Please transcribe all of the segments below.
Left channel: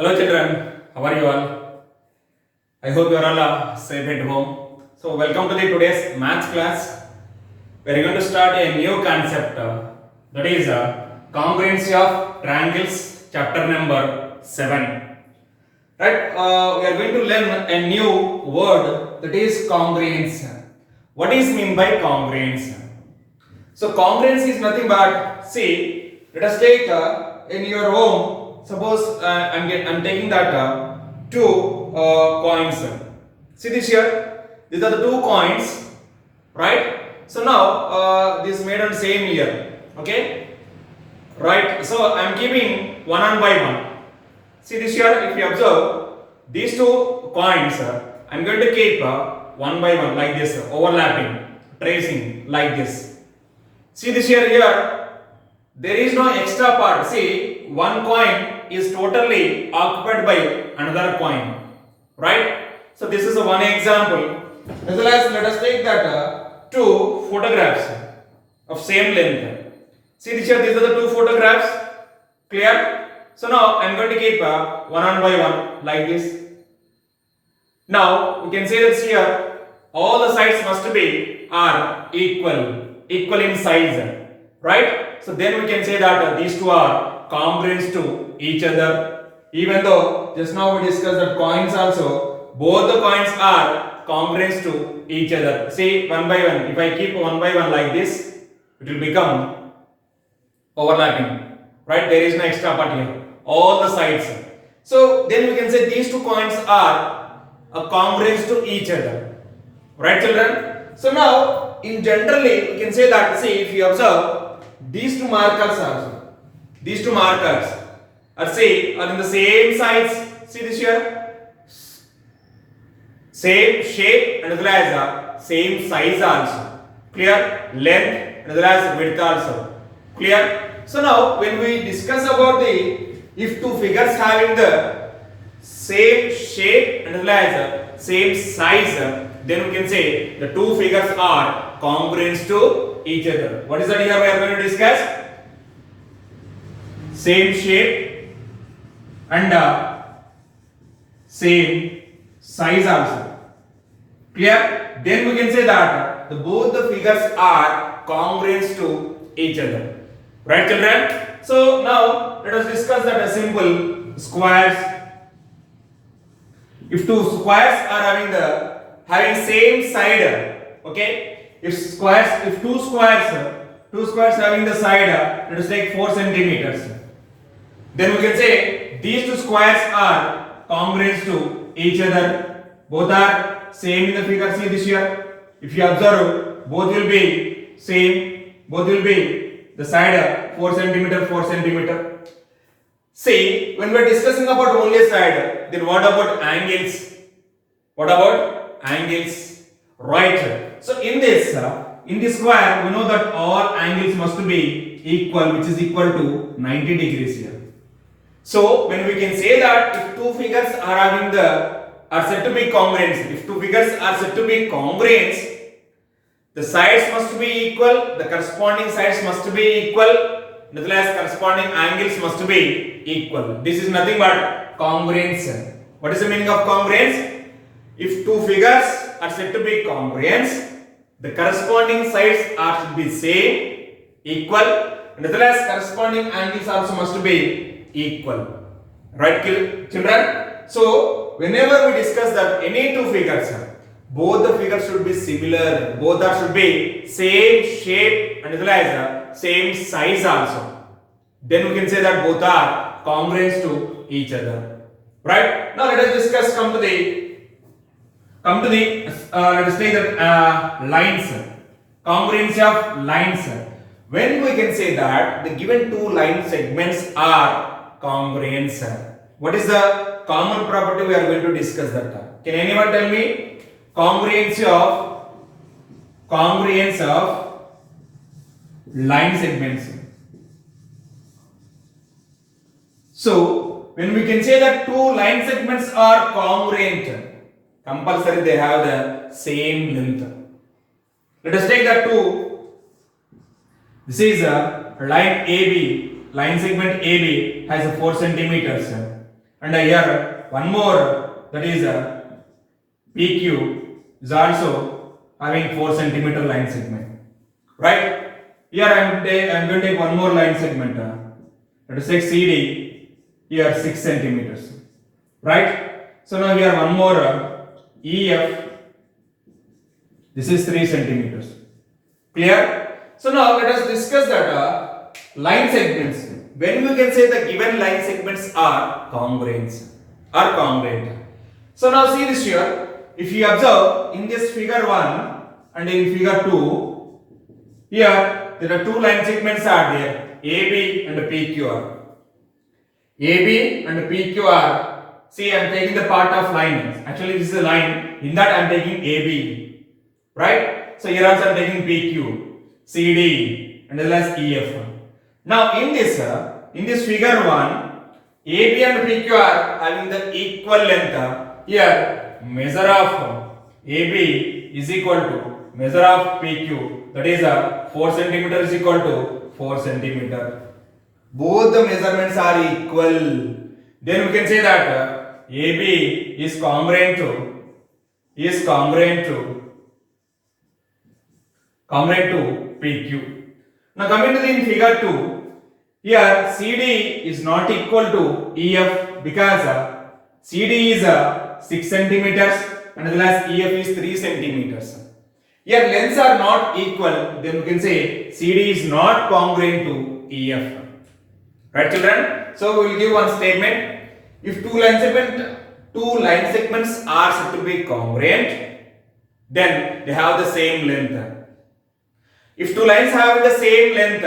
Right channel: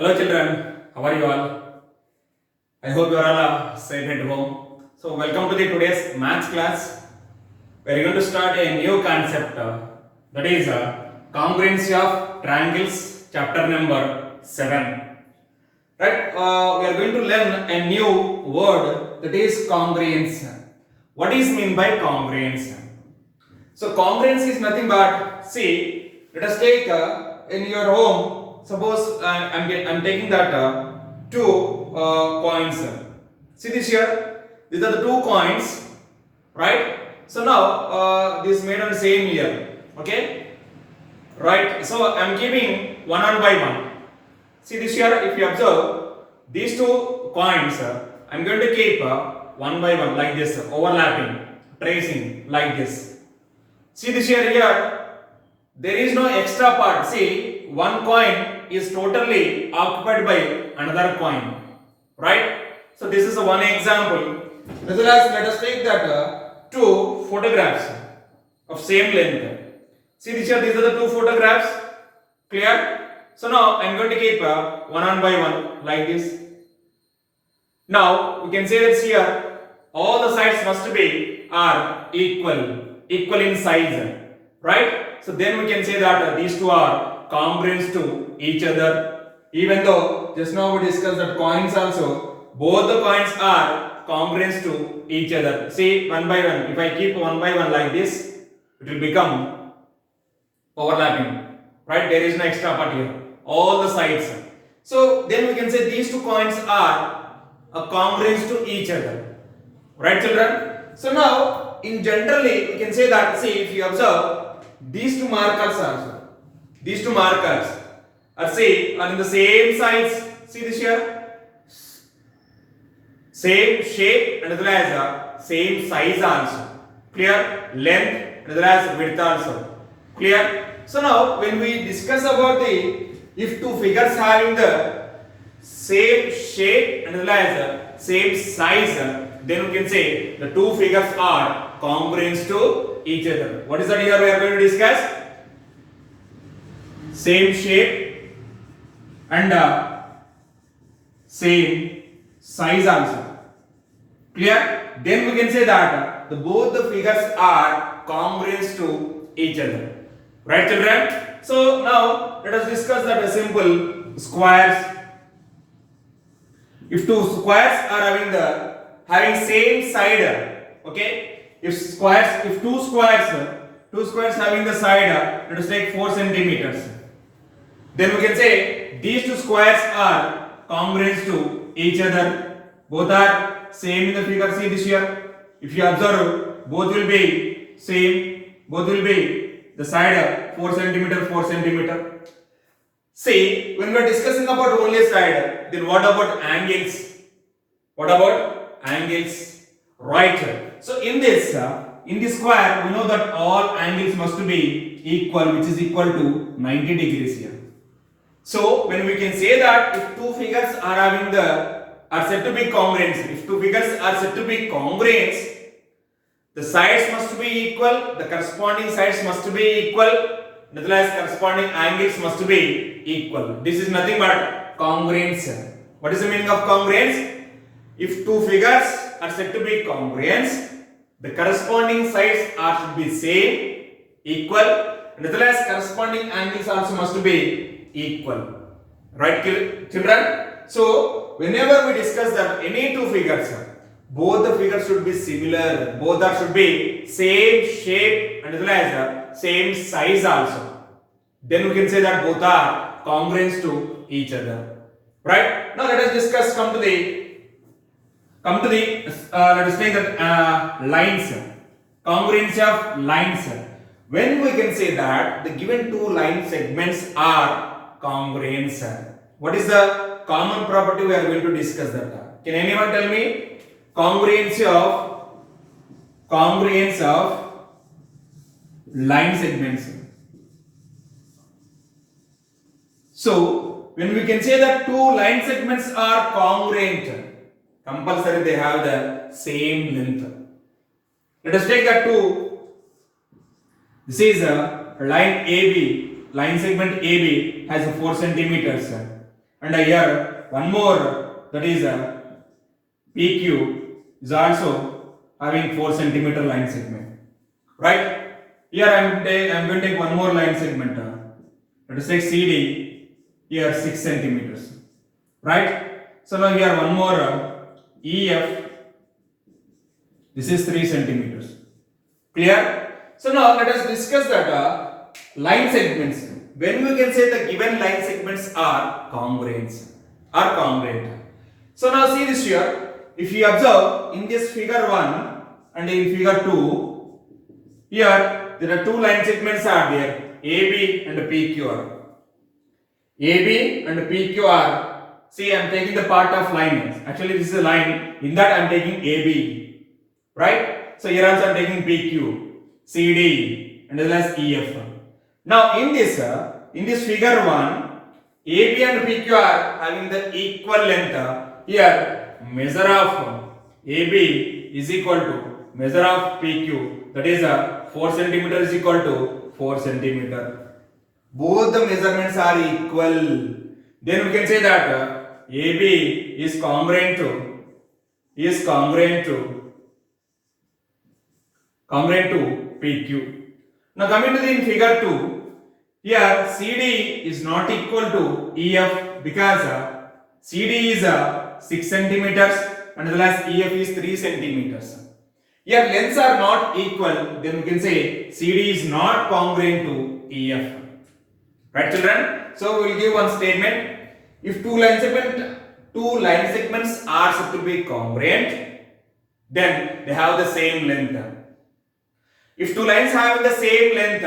Hello children, how are you all? I hope you are all safe at home. So welcome to the today's maths class. We are going to start a new concept that is congruency of triangles, chapter number 7. Right? We are going to learn a new word that is congruence. What is mean by congruence? So congruence is nothing but, see, let us take in your home. Suppose I'm taking that two coins. See this here. These are the two coins, right? So now this made on same year. Okay, right? So I'm keeping one by one. See this here. If you observe these two coins, I'm going to keep one by one like this, overlapping, tracing like this. See this here. There is no extra part. See, one coin is totally occupied by another coin, right? So this is one example. As well as let us take that two photographs of same length. See this here. These are the two photographs. Clear? So now I am going to keep one by one like this. Now we can say that here all the sides must be are equal in size, right? So then we can say that these two are congruent to each other. Even though just now we discussed that coins also, both the coins are congruent to each other. See, one by one. If I keep one by one like this, it will become overlapping, right? There is no extra part here. All the sides. So then we can say these two coins are congruent to each other, right, children? So now in generally we can say that, see, if you observe these two markers also, these two markers are in the same size. See this here, same shape and as well as same size also. Clear? Length and as well as width also. Clear? So now when we discuss about the, if two figures having the same shape and as well as same size, then we can say the two figures are congruent to each other. What is that here we are going to discuss? Same shape and same size also. Clear? Then we can say that both the figures are congruent to each other. Right, children? So now let us discuss that a simple squares. If two squares are having same side, okay? If two squares having the side, let us take 4 centimeters. Then we can say these two squares are congruent to each other. Both are same in the figure. See this here. If you observe, both will be same. Both will be the side 4 centimeter, 4 centimeter. See, when we are discussing about only side, then what about angles? What about angles? Right. So in this square, we know that all angles must be equal, which is equal to 90 degrees here. So when we can say that if two figures are said to be congruent, if two figures are said to be congruent, the sides must be equal, the corresponding sides must be equal, as well as corresponding angles must be equal. This is nothing but congruence. What is the meaning of congruence? If two figures are said to be congruent, the corresponding sides are should be same, equal, and as well as corresponding angles also must be equal. Right, children? So whenever we discuss that any two figures, both the figures should be similar, both should be same shape and as well as same size also. Then we can say that both are congruent to each other. Right? Now let us discuss, come to the let us take that lines, congruency of lines. When we can say that the given two line segments are congruent, what is the common property we are going to discuss that? Can anyone tell me? Congruency of line segments. So when we can say that two line segments are congruent, compulsory they have the same length. Let us take that two. This is a line AB, line segment AB has 4 centimeters. and here one more, that is PQ is also having 4 centimeter line segment, right? Here I am going to take one more line segment. Let us take CD, here 6 centimeters, right? So now here one more EF, this is 3 centimeters. Clear? So now let us discuss that line segments. When we can say the given line segments are congruent. So now see this here. If you observe in this figure 1 and in figure 2, here there are 2 line segments are there, AB and PQR. AB and PQR. See, I am taking the part of line. Actually, this is a line. In that I am taking AB, right? So here also I am taking PQ, CD, and as well as EF. Now in this figure 1, AB and PQ are having the equal length. Here measure of AB is equal to measure of PQ, that is 4 centimeter is equal to 4 centimeter. Both the measurements are equal. Then we can say that AB is congruent to PQ. Now coming to the figure 2, here CD is not equal to EF because CD is 6 centimeters and as well as EF is 3 centimeters. Here lengths are not equal, then we can say CD is not congruent to EF. Right, children? So we will give one statement. If two line segments are said to be congruent, then they have the same length. If two lines have the same length,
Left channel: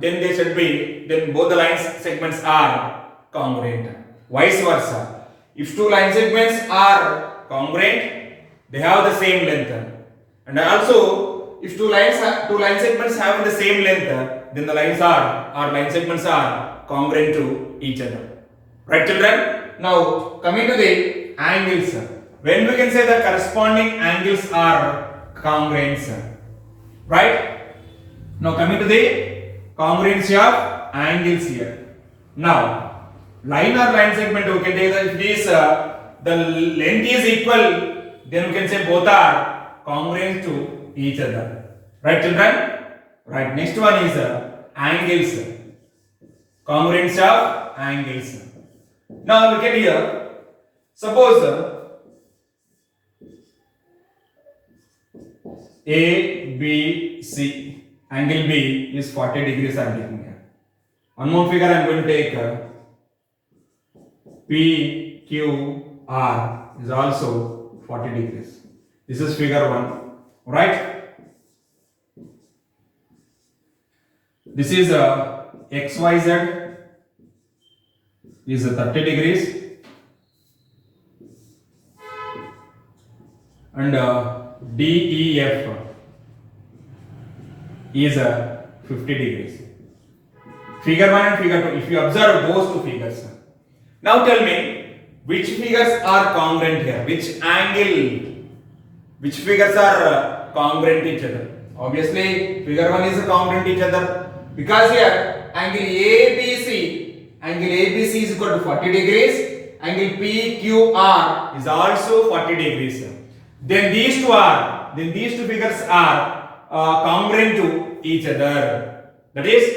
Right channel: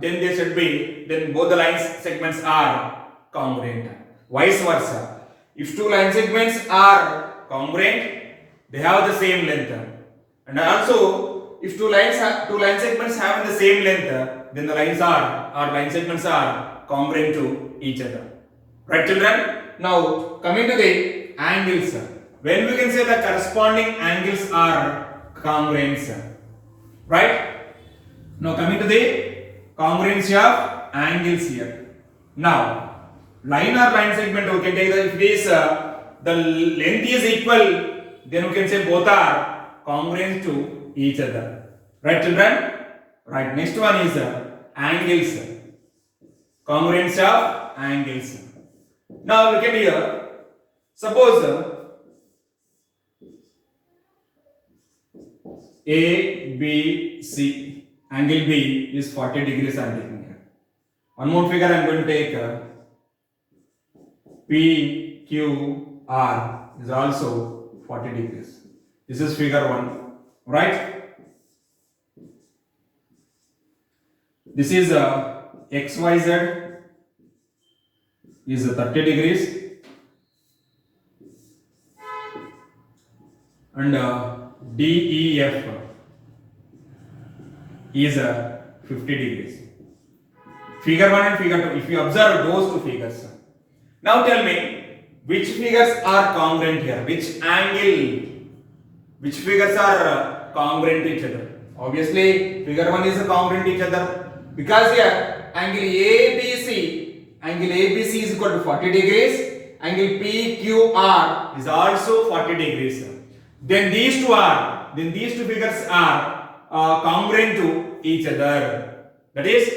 then both the line segments are congruent. Vice versa. If two line segments are congruent, they have the same length. And also, if two line segments have the same length, then the line segments are congruent to each other. Right, children? Now, coming to the angles. When we can say the corresponding angles are congruent. Right? Now, coming to the congruency of angles here. Now, line or line segment, we can take that if this the length is equal, then we can say both are congruent to each other. Right, children? Right. Next one is angles. Congruence of angles. Now look at here. Suppose A, B, C. Angle B is 40 degrees I am taking here. One more figure I am going to take. P, Q, R is also 40 degrees. This is figure 1. Right? This is XYZ is 30 degrees and DEF is 50 degrees. Figure 1 and figure 2. If you observe those two figures, now tell me which figures are congruent here, which figures are congruent to each other. Obviously, figure 1 is congruent to each other because here angle ABC is equal to 40 degrees, angle PQR is also 40 degrees. Then these two figures are congruent to each other. That is,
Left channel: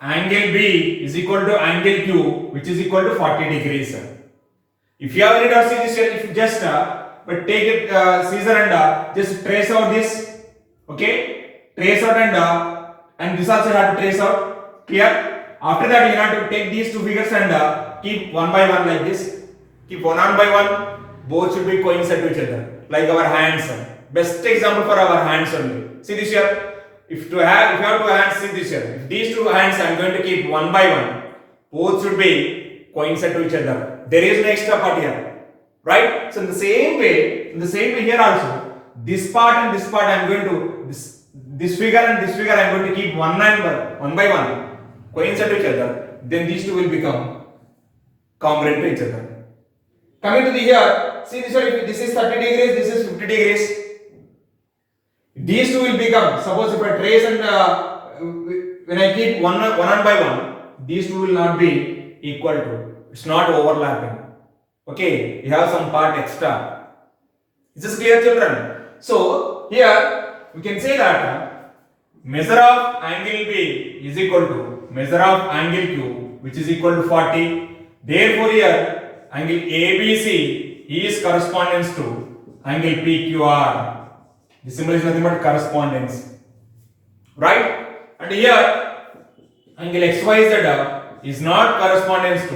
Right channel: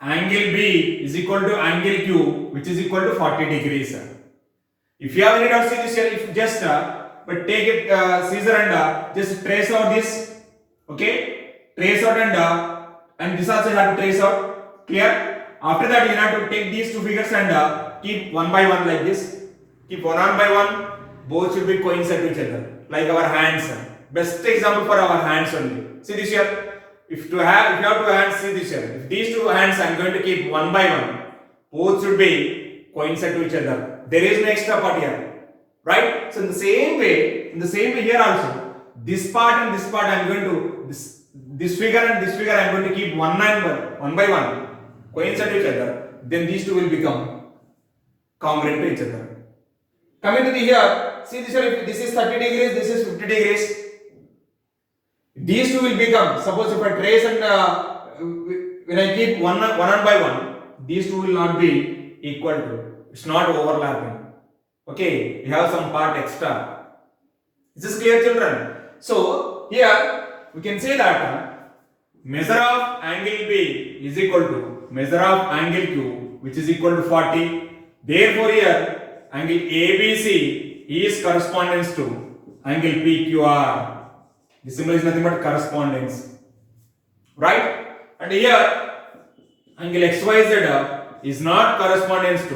angle B is equal to angle Q, which is equal to 40 degrees. If you have any doubts, see this here. If you just but take it scissor and just trace out this. Okay, trace out and this also have to trace out. Clear? After that, you have to take these two figures and keep one by one like this. Keep one by one. Both should be coincide to each other, like our hands. Best example for our hands only. See this here. If you have two hands, see this here. If these two hands I am going to keep one by one, both should be coincide to each other. There is no extra part here, right? So in the same way here also, this part and this part I am going to this figure and this figure I am going to keep one by one coincide to each other. Then these two will become congruent to each other. Coming to the here, see this here. If this is 30 degrees, this is 50 degrees. These two will become, suppose if I trace and when I keep one by one, these two will not be equal to, it's not overlapping. Okay, we have some part extra. Is this clear, children? So here we can say that measure of angle B is equal to measure of angle Q, which is equal to 40. Therefore here angle ABC is correspondence to angle PQR. This symbol is nothing but correspondence, right? And here angle XYZ is not correspondence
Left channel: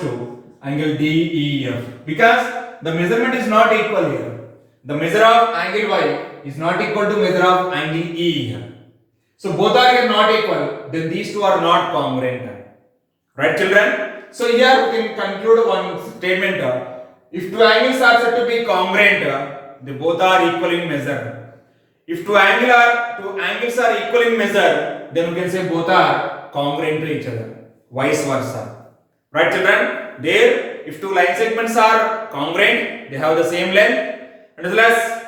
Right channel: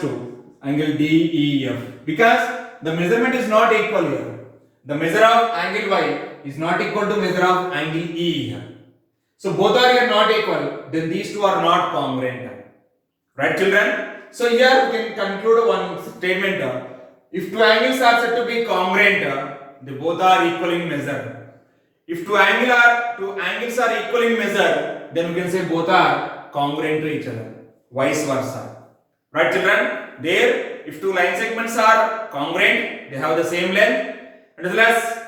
to angle DEF, because the measurement is not equal here. The measure of angle Y is not equal to measure of angle E here. So both are here not equal, then these two are not congruent. Right, children? So here we can conclude one statement. If two angles are said to be congruent, they both are equal in measure. If two angles are equal in measure, then we can say both are congruent to each other. Vice versa. Right, children? There, if two line segments are congruent, they have the same length. And as well as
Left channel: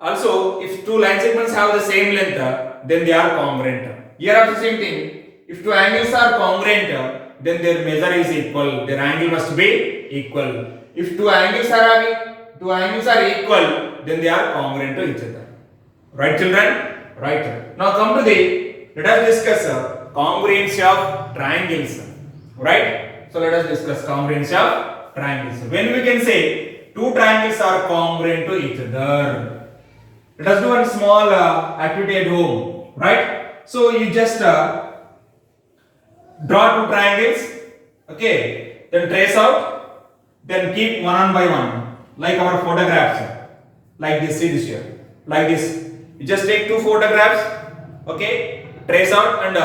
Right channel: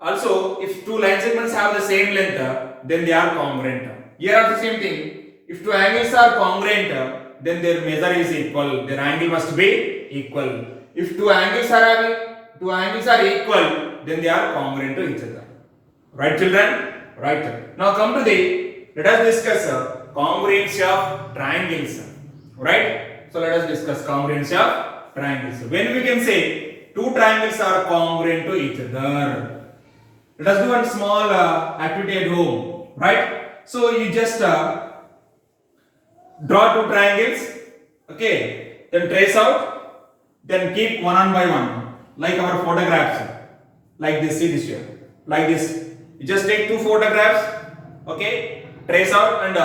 also, if two line segments have the same length, then they are congruent. Here also same thing. If two angles are congruent, then their measure is equal. Their angle must be equal. If two angles are equal, then they are congruent to each other. Right, children? Right. Now come to let us discuss congruency of triangles. Right? So let us discuss congruency of triangles. When we can say two triangles are congruent to each other, let us do one small activity at home. Right? So you just draw two triangles. Okay. Then trace out. Then keep one by one, like our photographs. Like this. See this here. Like this. You just take two photographs. Okay. Trace out and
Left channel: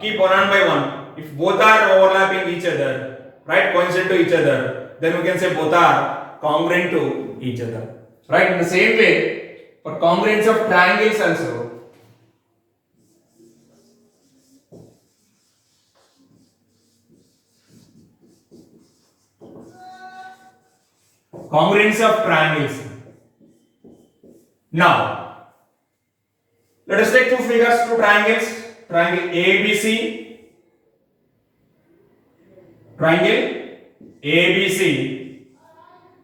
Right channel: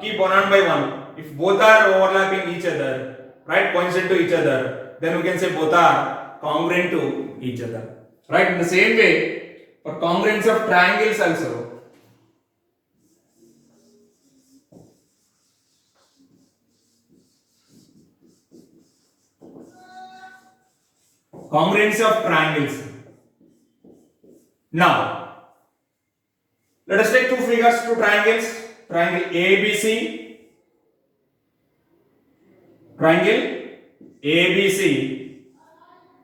keep one by one. If both are overlapping each other, right, coincident to each other, then we can say both are congruent to each other. Right? In the same way, for congruency of triangles also, congruency of triangles. Now, let us take two figures, two triangles, triangle ABC. Triangle ABC,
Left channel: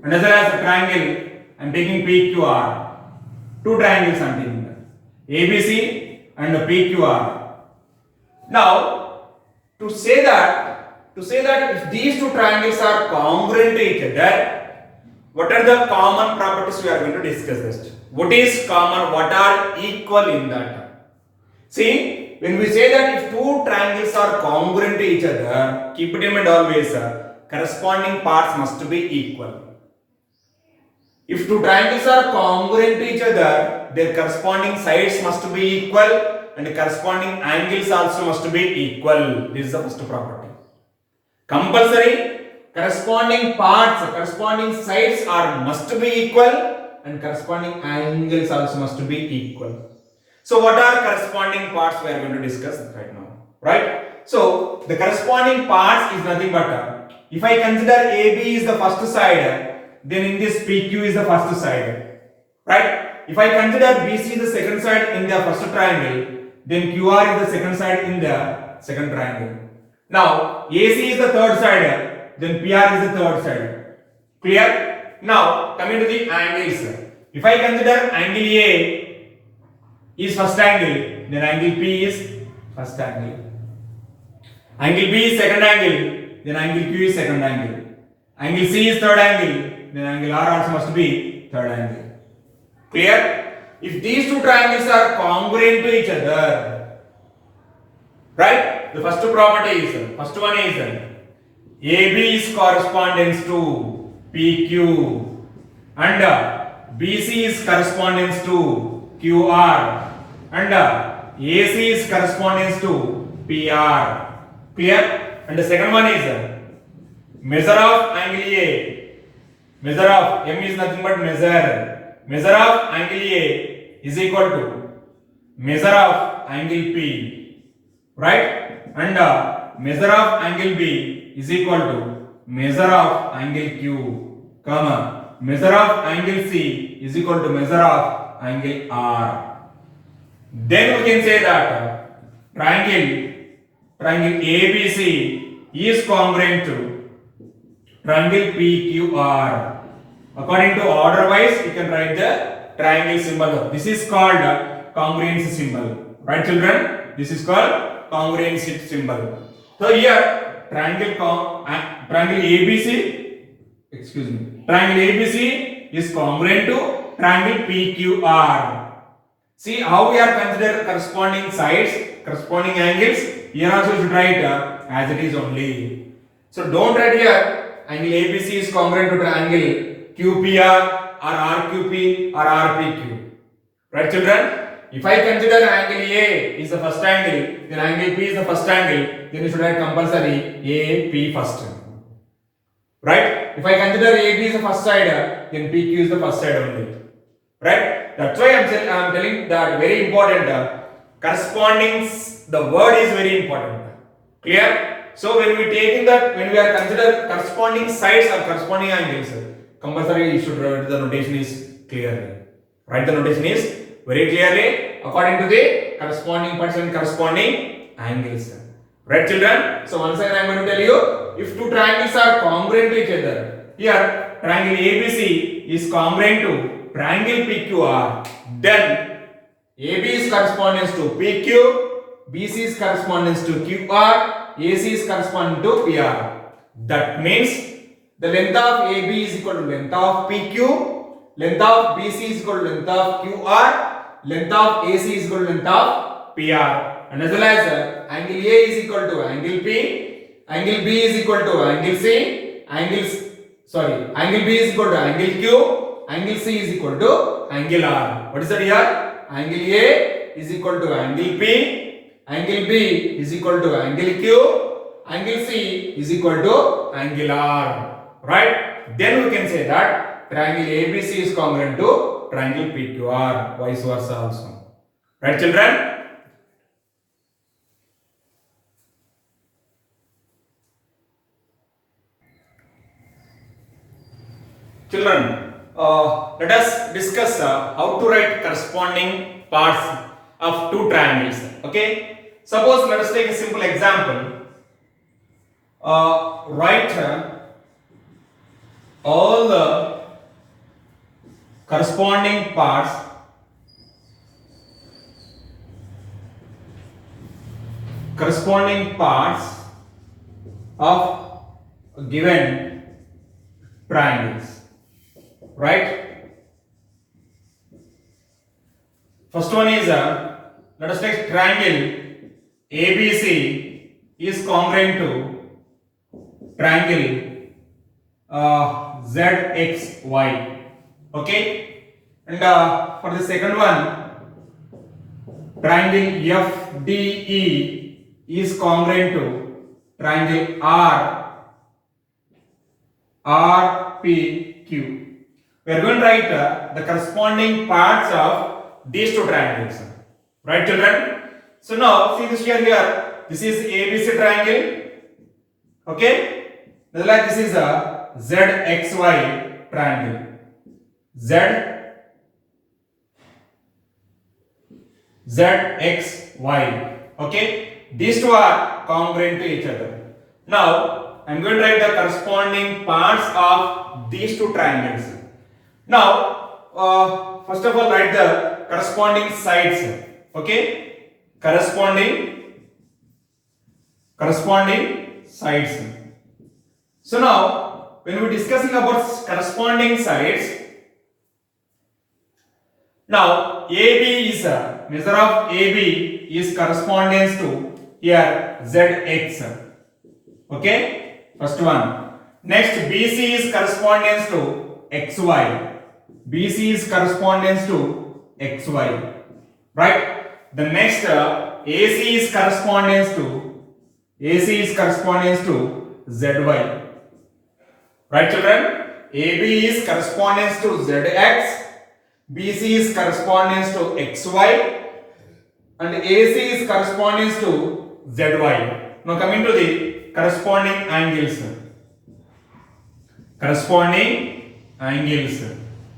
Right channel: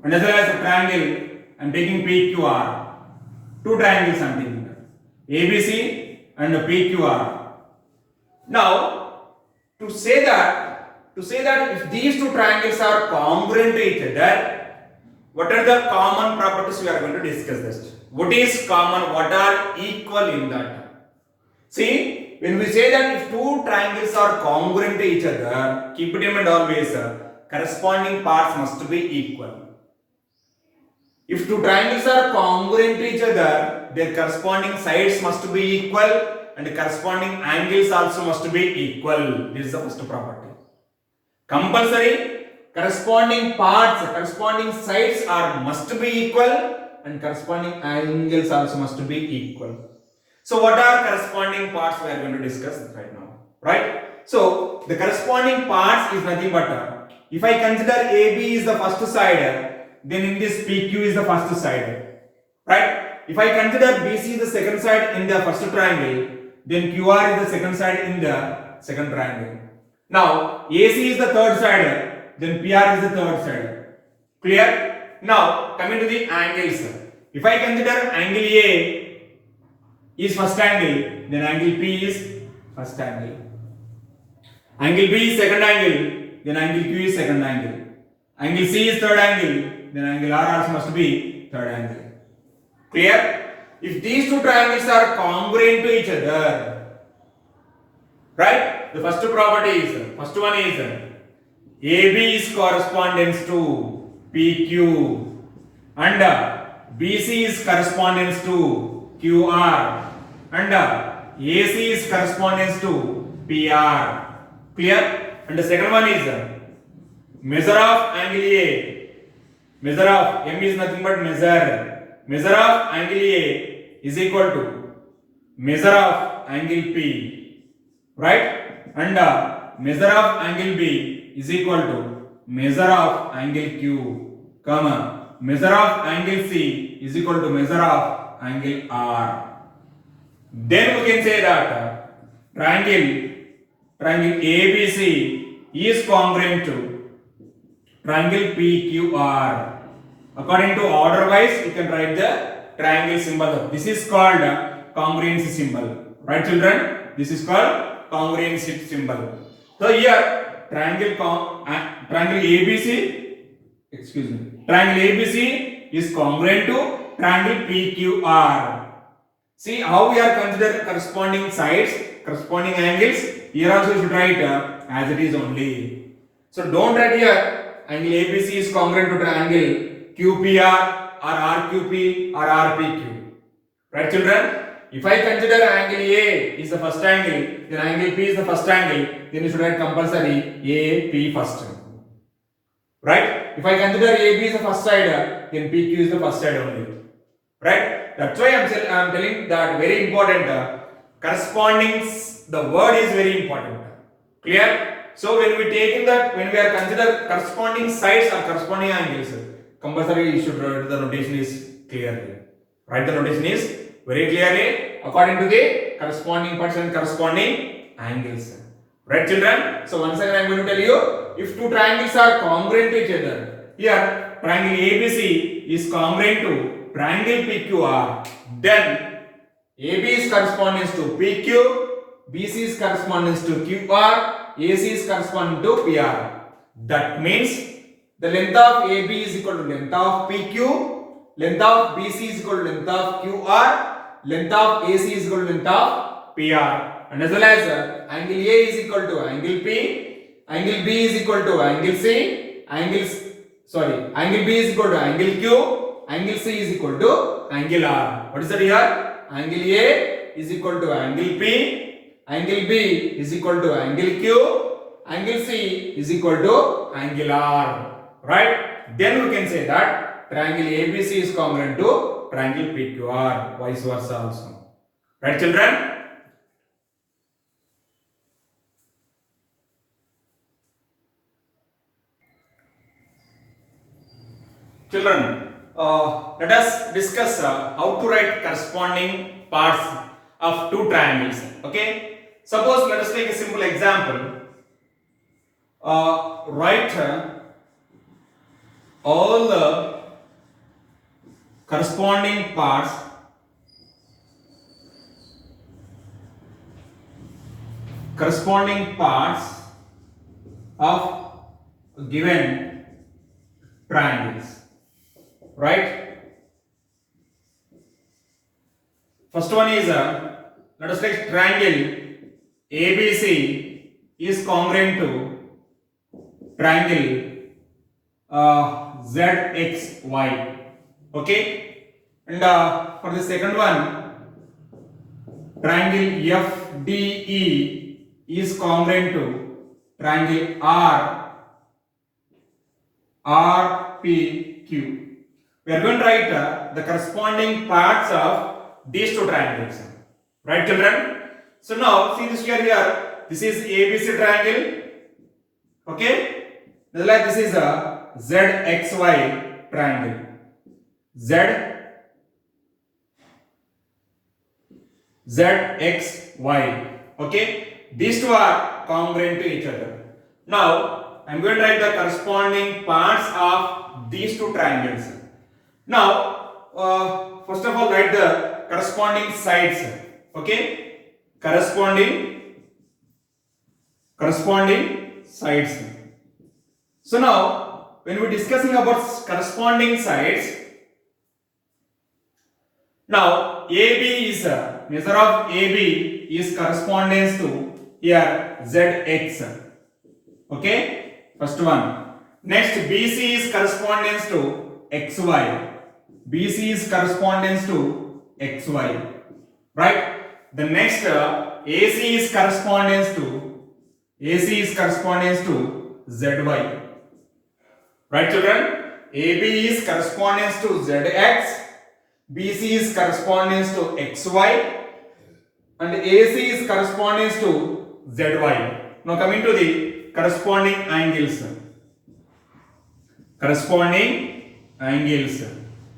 and as well as the triangle I am taking PQR. Two triangles I am taking ABC and PQR. Now, to say that if these two triangles are congruent to each other, what are the common properties we are going to discuss this? What is common? What are equal in that? See. When we say that if two triangles are congruent to each other, keep it in mind always, corresponding parts must be equal. If two triangles are congruent to each other, their corresponding sides must be equal and corresponding angles also must be equal. This is the first property. Compulsory, corresponding parts, corresponding sides must be equal and corresponding angles also must be equal. So what are corresponding parts we are going to discuss right now, right? So the corresponding parts is nothing but, if I consider AB is the first side, then in this PQ is the first side, right? If I consider BC is the second side in the first triangle, then QR is the second side in the second triangle. Now AC is the third side, then PR is the third side. Clear? Now coming to the angles, if I consider angle A is first angle, then angle P is first angle. Angle B is second angle, then angle Q is second angle. Angle C is third angle, then angle R also must be third angle. Clear? If these two triangles are congruent to each other, right? The first one is AB is correspondence to PQ and BC is correspondence to QR and AC is correspondence to PR. Clear? And the second one is measure of angle A. Measure of M is nothing but measure. Measure of angle A is equal to measure of angle P, right? And measure of angle B is equal to measure of angle Q, comma measure of angle C is equal to measure of angle R. Then we can say that triangle ABC is congruent to triangle PQR. According to order wise, you can write the triangle symbol. This is called congruence symbol. Right, children? This is called congruence symbol. So here, triangle ABC, excuse me, triangle ABC is congruent to triangle PQR. See how we are consider corresponding sides, corresponding angles. Here also you should write as it is only. So don't write here angle ABC is congruent to triangle QPR or RQP or RPQ. Right, children? If I consider angle A is the first angle, then angle P is the first angle, then you should write compulsory AP first. Right? If I consider AB is the first side, then PQ is the first side only. Right? That's why I'm telling that very important. Corresponding, the word is very important. Clear? So when we take in that, when we are consider corresponding sides or corresponding angles, compulsory you should write the notation is clearly. Write the notation is very clearly according to the corresponding parts and corresponding angles. Right, children? So once again I am going to tell you, if two triangles are congruent to each other, here triangle ABC is congruent to triangle PQR, then AB is corresponding to PQ, BC is corresponding to QR, AC is corresponding to PR. That means the length of AB is equal to length of PQ, length of BC is equal to length of QR, length of AC is equal to length of PR, and as well as angle A is equal to angle P, angle B is equal to angle C, angle B is equal to angle Q, angle C is equal to angle R. What is that here? Angle A is equal to angle P, angle B is equal to angle Q, angle C is equal to angle R. Right? Then we can say that triangle ABC is congruent to triangle PQR, vice versa also. Right, children? Children, let us discuss how to write corresponding parts of two triangles. Okay? Suppose let us take a simple example. Write all the corresponding parts of given triangles. Right? First one is let us take triangle ABC is congruent to triangle ZXY. Okay? And for the second one, triangle FDE is congruent to triangle RPQ. We are going to write the corresponding parts of these two triangles. Right, children? So now see this here. This is ABC triangle. Okay? Like this is a ZXY triangle. ZXY. Okay? These two are congruent to each other. Now I am going to write the corresponding parts of these two triangles. Now, first of all, write the corresponding sides. Okay? Corresponding sides. So now, when we are discussing about corresponding sides, now AB is measure of AB is correspondence to here ZX. Okay? First one. Next, BC is correspondence to XY. BC is correspondence to XY. Right? The next AC is correspondence to ZY. Right, children? AB is correspondence to ZX, BC is correspondence to XY, and AC is correspondence to ZY. Now coming to the corresponding angles.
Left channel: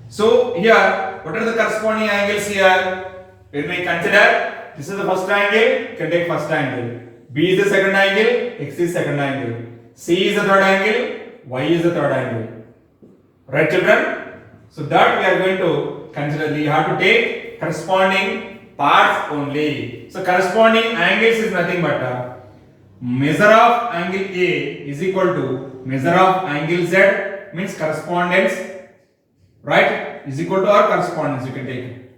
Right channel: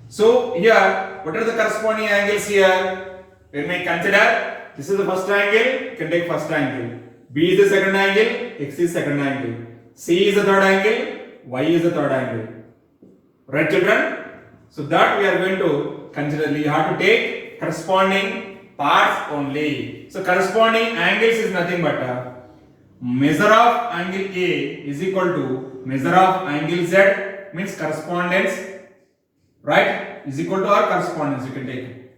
So here, what are the corresponding angles here? When we consider, this is the first angle, you can take first angle. B is the second angle, X is second angle. C is the third angle, Y is the third angle. Right, children? So that we are going to consider. You have to take corresponding parts only. So corresponding angles is nothing but measure of angle A is equal to measure of angle Z, means correspondence, right? Is equal to or correspondence. You can take it.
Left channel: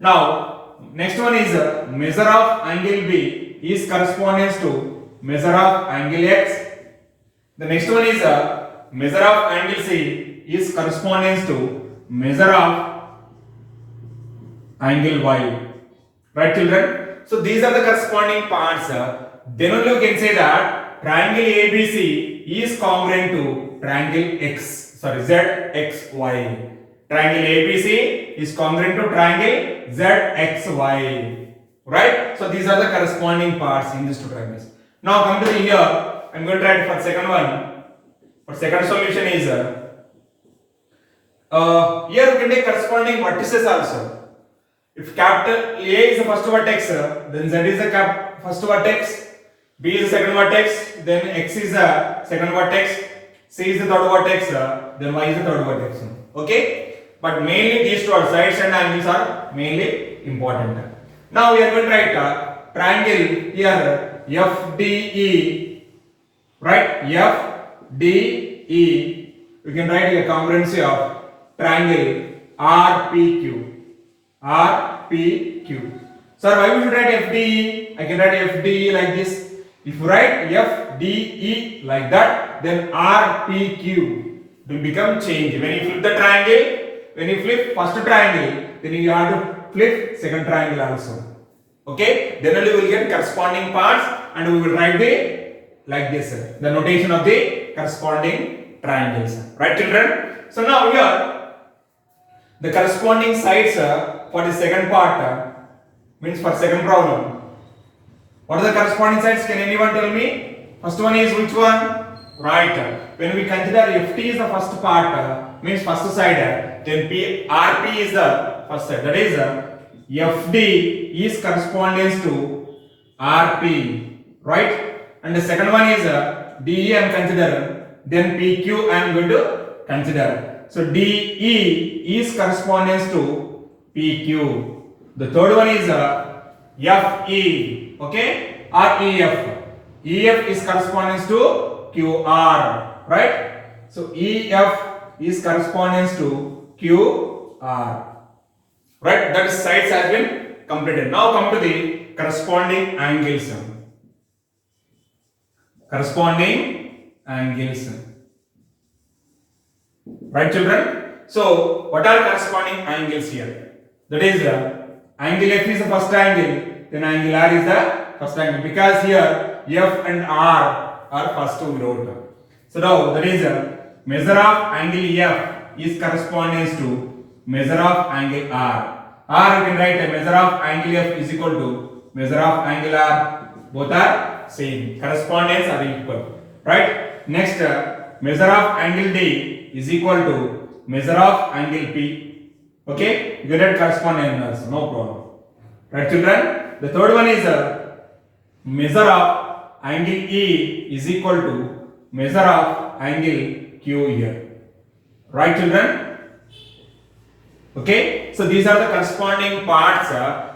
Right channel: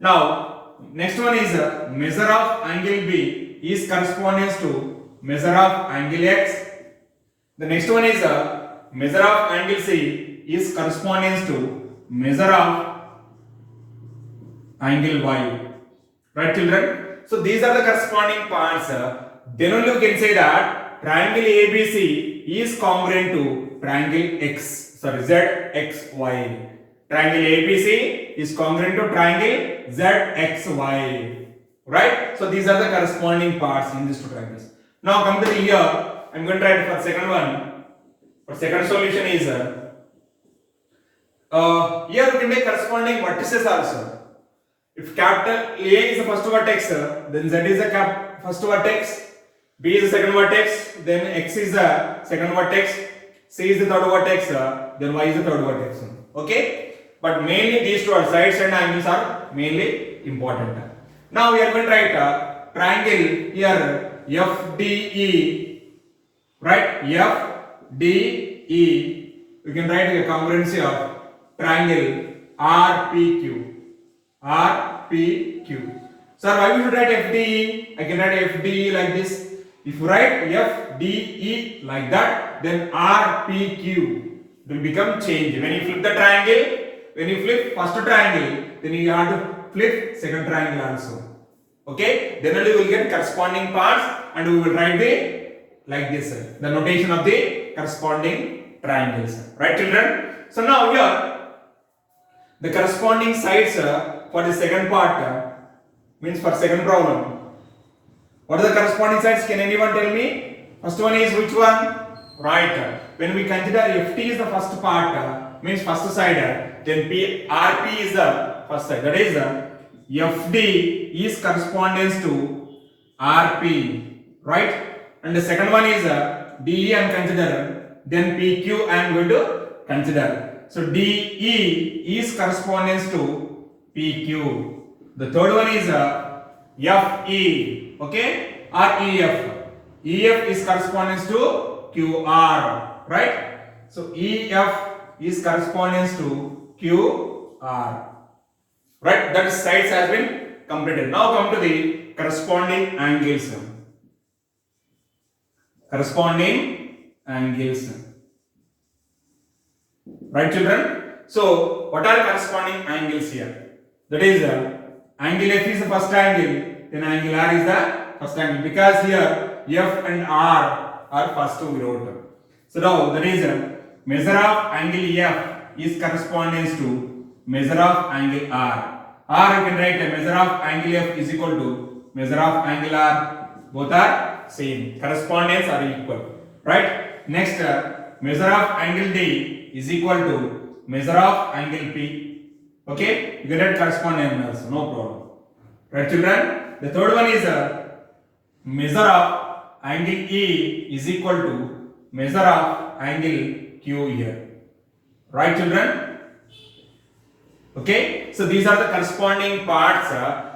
Now next one is measure of angle B is correspondence to measure of angle X. The next one is measure of angle C is correspondence to measure of angle Y. Right, children? So these are the corresponding parts. Then only you can say that triangle ABC is congruent to triangle ZXY. Triangle ABC is congruent to triangle ZXY. Right? So these are the corresponding parts in these two triangles. Now come to the here. I'm going to write for second one. For second solution is here you can take corresponding vertices also. If capital A is the first vertex, then Z is the first vertex, B is the second vertex, then X is the second vertex, C is the third vertex, then Y is the third vertex. Okay? But mainly these two sides and angles are mainly important. Now we are going to write triangle here FDE, right? FDE. We can write a congruency of triangle RPQ. RPQ. Sir, why we should write FDE? I can write FDE like this. If you write FDE like that, then RPQ will become change. When you flip the triangle, when you flip first triangle, then you have to flip second triangle also. Okay? Then only we will get corresponding parts and we will write like this, the notation of the corresponding triangles. Right, children? So now here, the corresponding sides for the second part means for second problem. What are the corresponding sides? Can anyone tell me? First one is which one? Right. When we consider FT is the first part, means first side, then RP is the first side. That is FD is correspondence to RP, right? And the second one is DE I am considering. Then PQ I am going to consider. So DE is correspondence to PQ. The third one is FE, okay, or EF. EF is correspondence to QR, right? So EF is correspondence to QR, right? That sides has been completed. Now come to the corresponding angles. Corresponding angles. Right, children? So, what are corresponding angles here? That is, angle F is the first angle, then angle R is the first angle. Because here, F and R are first two we wrote. So, now, that is, measure of angle F is correspondence to measure of angle R. R you can write a measure of angle F is equal to measure of angle R. Both are same. Correspondence are equal. Right? Next, measure of angle D is equal to measure of angle P. Okay? You can write corresponding angles, no problem. Right, children? The third one is measure of angle E is equal to measure of angle Q here. Right, children? Okay? So these are the corresponding parts.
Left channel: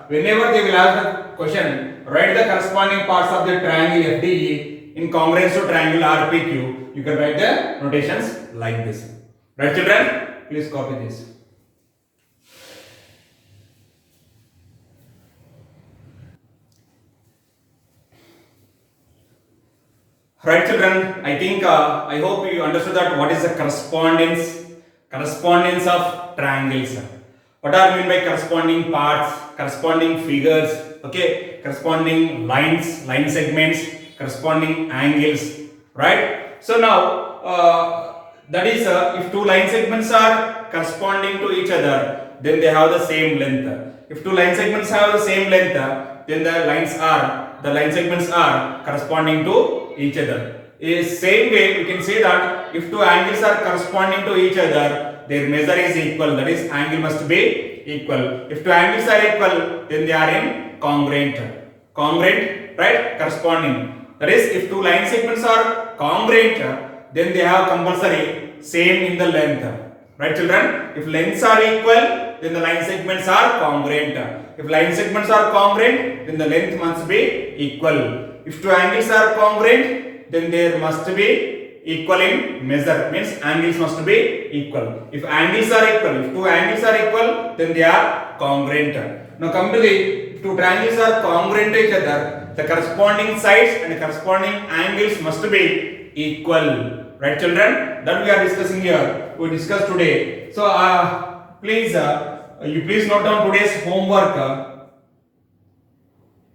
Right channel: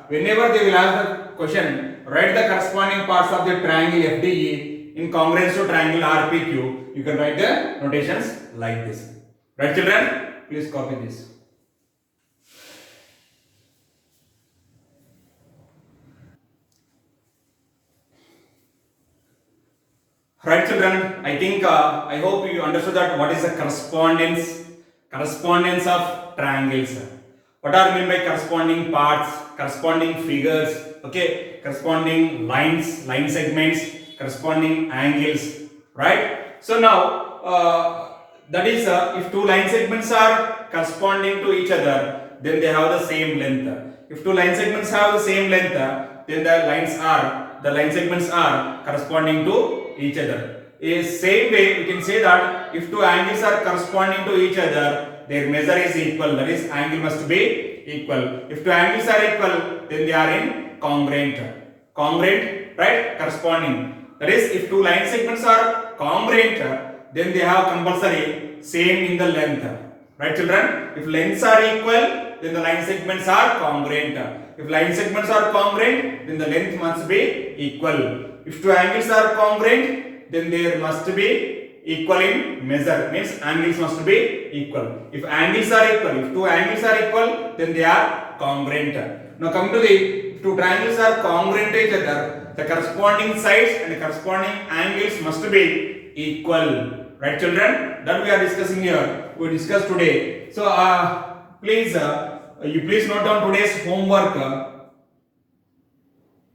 Whenever they will ask the question, write the corresponding parts of the triangle FDE in congruence to triangle RPQ. You can write the notations like this. Right, children? Please copy this. Right, children? I think I hope you understood that what is the correspondence of triangles. What are meant by corresponding parts, corresponding figures, okay, corresponding lines, line segments, corresponding angles, right? So now that is if two line segments are corresponding to each other, then they have the same length. If two line segments have the same length, then the line segments are corresponding to each other. In same way, we can say that if two angles are corresponding to each other, their measure is equal. That is, angle must be equal. If two angles are equal, then they are in congruent. Congruent, right? Corresponding. That is, if two line segments are congruent, then they have compulsory same in the length. Right, children? If lengths are equal, then the line segments are congruent. If line segments are congruent, then the length must be equal. If two angles are congruent, then there must be equal in measure. Means angles must be equal. If angles are equal, if two angles are equal, then they are congruent. Now come to the two triangles are congruent to each other. The corresponding sides and the corresponding angles must be equal. Right, children? That we are discussing here. We discussed today. So please note down today's homework.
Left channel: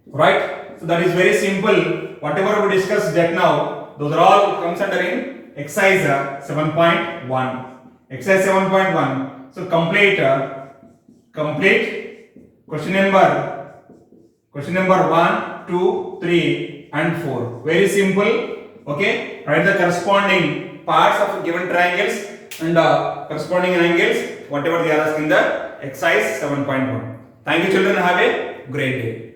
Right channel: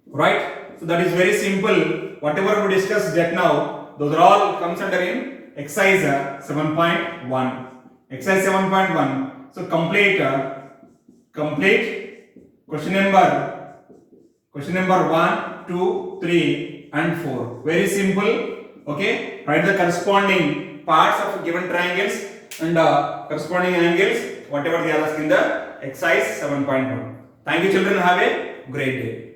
Right? So that is very simple. Whatever we discussed just now, those are all comes under in exercise 7.1. Exercise 7.1. So complete question number 1, 2, 3 and 4. Very simple. Okay, write the corresponding parts of given triangles and corresponding angles, whatever they are asked in the exercise 7.1. Thank you, children. Have a great day.